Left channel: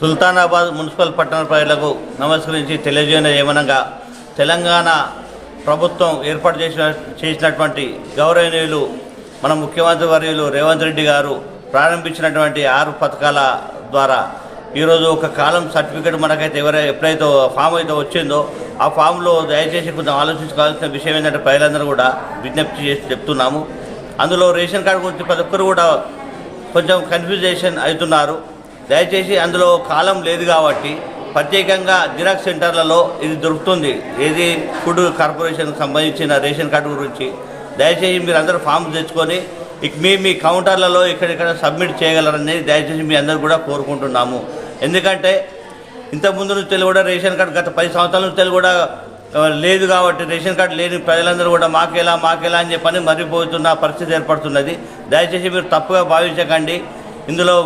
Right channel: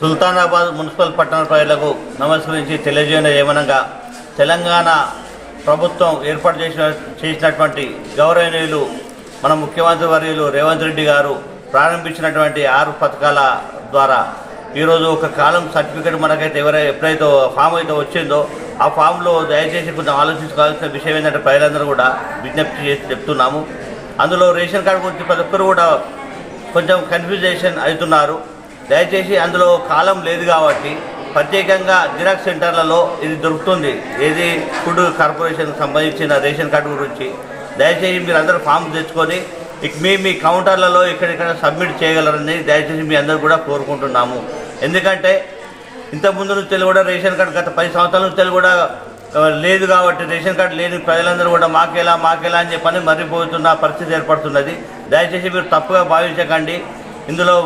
Sultanabad municipal పట్టణ ప్రజలకు నమస్కరించి తెలియజేయడం ఏమనగా తెలంగాణ ప్రభుత్వం ఏర్పాటు చేసిన చేసినటువంటి గౌరవనీయులు మన ముఖ్యమంత్రి వర్యులు రేవంత్ రెడ్డి గారు ప్రారంభించినటువంటి ఆరు పథకాల ద్వారా ఈరోజు ఒక కాలం సర్టిఫికేట్ మనకైతే ఎవరైతే ఎప్పుడైతే ఫామ్ అయితే వచ్చిందో ఆ ఫామ్లో దయచేసి కొంచెం ఆలోచించుకోవాల్సిన విషయం ఏంటంటే ప్రజలందరూ కూడా విజ్ఞప్తి చేసి చెప్తున్నాము. అందులో రేషన్ కార్డు గురించి ప్రతి ఒక్కరు కూడా కొంచెం కన్ఫ్యూజేషన్ అవుతున్నారు. దయచేసి అందులో కాలం లేదు కాబట్టి ప్రత్యేకంగా జిరాక్స్ సెంటర్లలో ఇది దొరుకుతుంది. ఏది ఫుడ్ కార్పొరేషన్ సంబంధించిన రేషన్ కార్డు గురించి దయచేసి మీరు అందరూ ఫామ్ తెచ్చుకొని ఇక మీ మీ కౌంటర్లలో ఇక్కడిక్కడ సబ్మిట్ చేయగలరని దయచేసి మీ అందరూ కూడా కోరుకుంటున్నాము. ఎందుకంటే ఇంతకుముందు నుంచి కూడా రేషన్ కార్డు గత పది సంవత్సరాల నుంచి కూడా లేదు కాబట్టి రేషన్ కార్డు లేని ప్రజలందరూ కూడా మాకేలా మాకేలా అని చెప్పని మర్రిపోతున్న పరిస్థితి ఏర్పడుతున్నది. దయచేసి మీరు తప్పుగా భావించకండి. ఇందులో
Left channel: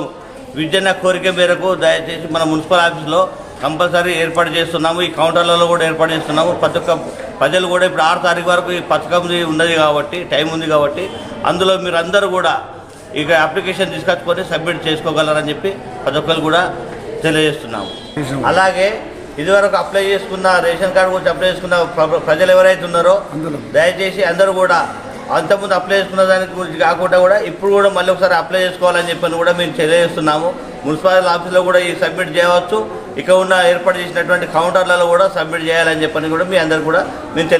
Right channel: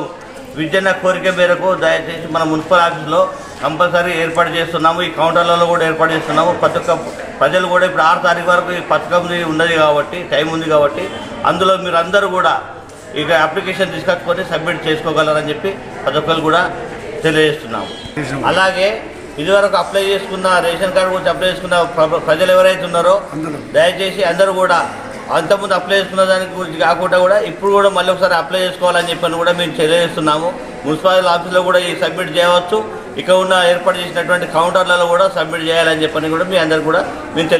విద్యన్న కోరిక మేరకు దయచేసి మన మున్సిపల్ ఆఫీస్లో కంపల్సరీ ఏర్పాటు చేస్తున్నాము. ఈ కౌంటర్లలో కూడా ఏర్పాటు చేస్తున్నాము. ప్రతి ఒక్క ప్రజలు కూడా ఇప్పుడు ఆరు తారీఖు వరకు ఈ పథకం ఉన్నది కాబట్టి టైం ఉంది కాబట్టి అందులో మీరు అందరూ కూడా ఇక అప్లికేషన్ తీసుకొచ్చుకొని సబ్మిట్ చేసుకోగలరని చెప్పి ప్రతి ఒక్కరు కూడా తెలియజేస్తున్నాము. అలాగే ఇదివరకు అప్లై చేసుకున్న రేషన్ కార్డు గురించి అప్లై చేసుకున్న ప్ర- ప్రజలు ఎవరైతే ఉన్నారో దయచేసి అందరూ కూడా అంతకుముందు అప్లై చేసుకున్న దాని గురించి కాకుండా కూడా ఇప్పుడు కూడా మళ్ళీ ఒకసారి అప్లై చేసుకోవాలని చెప్పని కూడా మేము తెలియజేస్తున్నాము. మున్సిపాలిటీ ఆఫీస్లో కూడా ఈ సబ్మిట్ చేయవచ్చు. ఇక ఉన్న ఏర్పాటు చేసినటువంటి కౌంటర్లలో కూడా సబ్మిట్ చేయాలని చెప్పని కూడా మీ అందరు కూడా మేము తెలియ